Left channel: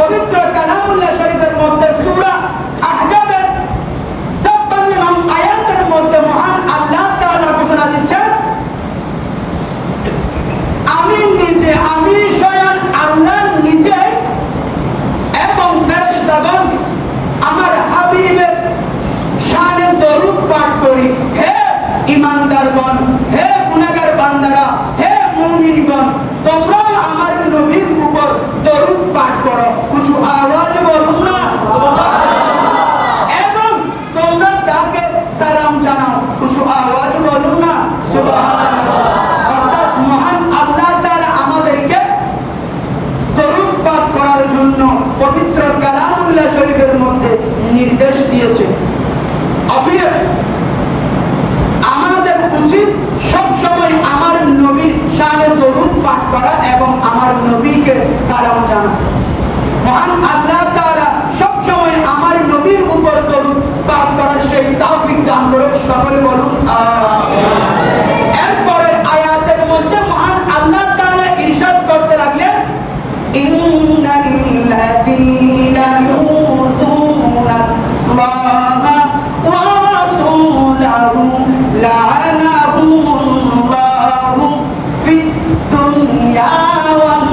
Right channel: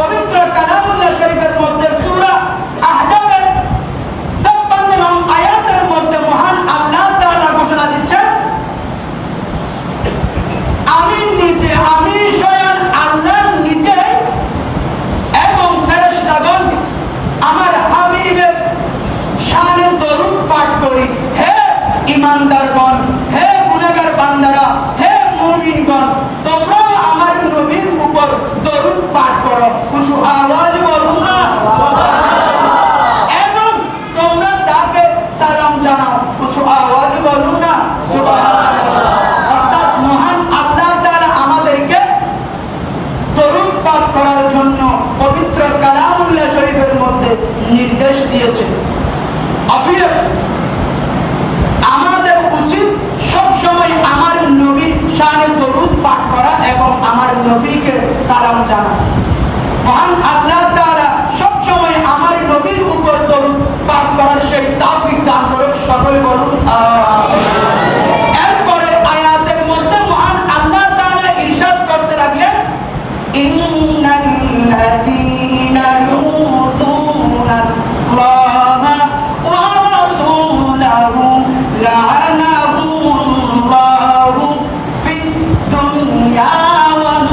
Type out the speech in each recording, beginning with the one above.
পবিত্র কালামুল্লাহ শরীফের মধ্যে সূরা আহজাবের 56 নং আয়াতের মধ্যে মহান আল্লাহ তাআলা ঘোষণা দিচ্ছেন, আমি স্বয়ং আল্লাহ নিজে এবং ফেরেশতাগণ আমার হাবিবের শানে দরুদ পাঠ করি। হে ঈমানদারগণ, হে গুনাহগার বান্দারা, হে মুমিনগণ, তোমরা আমার নবীর উপর দরুদ পাঠ করো। কিছু আওয়াজ বলুন না সুবহানাল্লাহ। এবং তোমরা তাকে সালাম জানাও। কিছু আওয়াজ বলুন না সুবহানাল্লাহ। অর্থাৎ মহান আল্লাহ তাআলা আমাদেরকে দরুদ পাঠ করার জন্য পবিত্র কালামুল্লাহ শরীফের মধ্যে নির্দেশ দিয়েছে। অতএব আমাদের উচিত সব সময় আমার নবীর শানে দরুদ পাঠ করা এবং আমার নবীকে সালাম জানানো। মহান আল্লাহ তাআলা সব সময় আমার নবীর উপর দরুদ পাঠ করার সেই তৌফিক দান করুন। সকলে বলুন আমিন। এরপরে আয়াতের মধ্যে মহান আল্লাহ তাআলা ইরশাদ করতে লাগলেন, ইন্নাল্লাযীনা ইউযুনা আল্লাহা ওয়া রাসূলাহু লা'আনাহুমুল্লাহু ফিদ দুনিয়া ওয়াল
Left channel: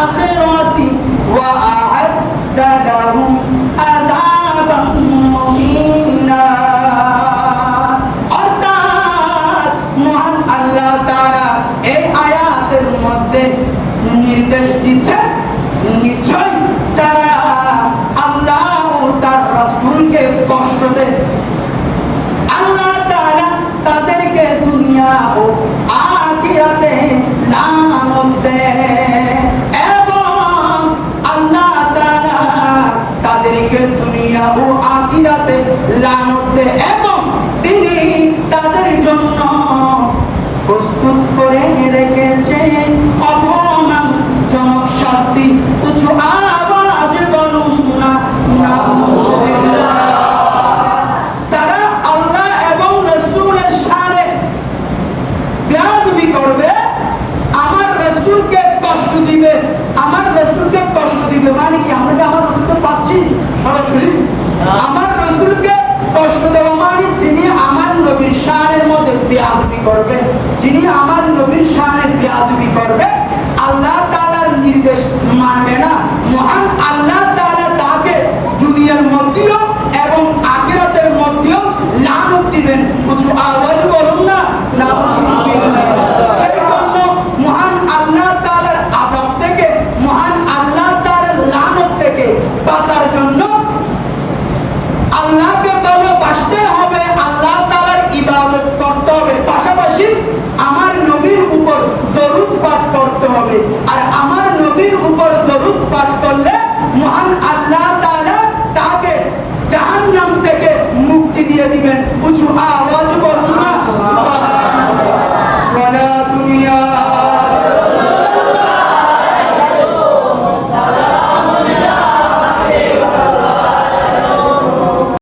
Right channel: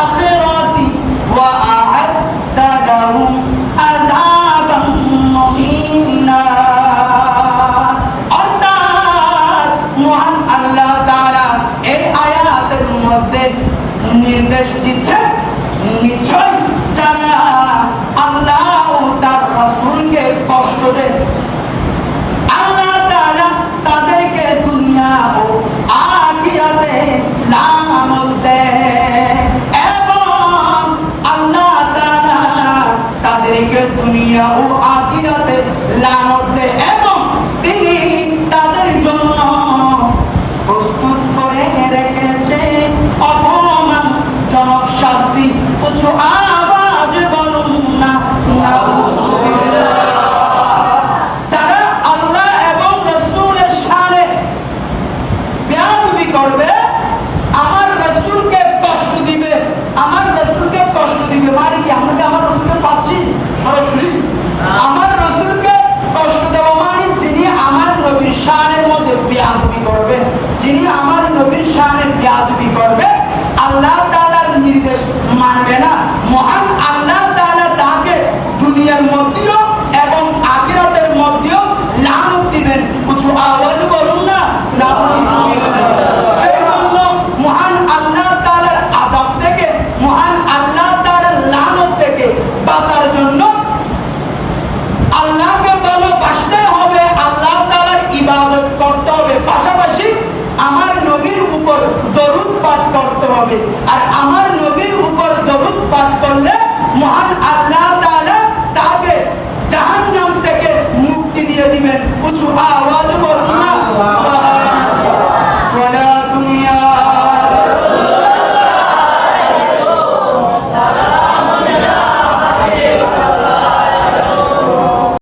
আখিরাতি ওয়া আ'আদ্দা লাহুম আযাবান মুহিনা। অর্থাৎ মহান আল্লাহ তাআলা এই আয়াতের মধ্যে নির্দেশ দিচ্ছেন, নিশ্চয় যারা আল্লাহ ও তার রাসূলকে কষ্ট দেয়, আল্লাহ তাআলা তাদেরকে দুনিয়া ও আখিরাতে লানত দেয়। এবং আল্লাহ তাআলা তাদেরকে দুনিয়া ও আখিরাতে লানত দেয় এবং তিনি তাদের জন্য প্রস্তুত করে রেখেছে অপমানজনক শাস্তি। কিছু আওয়াজ বলুন না নাউযুবিল্লাহ। যারা আল্লাহ এবং রাসূলের শানে বেয়াদবি করবে, আমার রাসূলকে কষ্ট দিবে, আমার রাসূলকে কষ্ট দিবে মানে কি? আমরা কি আমার রাসূলকে পাচ্ছি সরাসরি? আমার রাসূলকে কষ্ট দেওয়া মানে যিনি আমার নবীর শানের মধ্যে বেয়াদবি করবে, যিনি আমার নবীর শানে বেয়াদবি করবে, আল্লাহ তাআলার নির্দেশ মানবে না, মহান আল্লাহ তাআলা তাকে দুনিয়ার মধ্যেও এবং আখিরাতের মধ্যেও লানত দিবেন। কিছু আওয়াজ বলুন না নাউযুবিল্লাহ। সেই জন্য মহান আল্লাহ তাআলার আযাব থেকে, মহান আল্লাহ তাআলার লানত থেকে বাঁচার জন্য আল্লাহকে ভালোবাসতে হবে, আল্লাহ তাআলার ইবাদত করতে হবে, পাশাপাশি আমার নবীর উপর দরুদ পাঠ করতে হবে। আর আমার নবীর উপর দরুদ পাঠ করলে মহান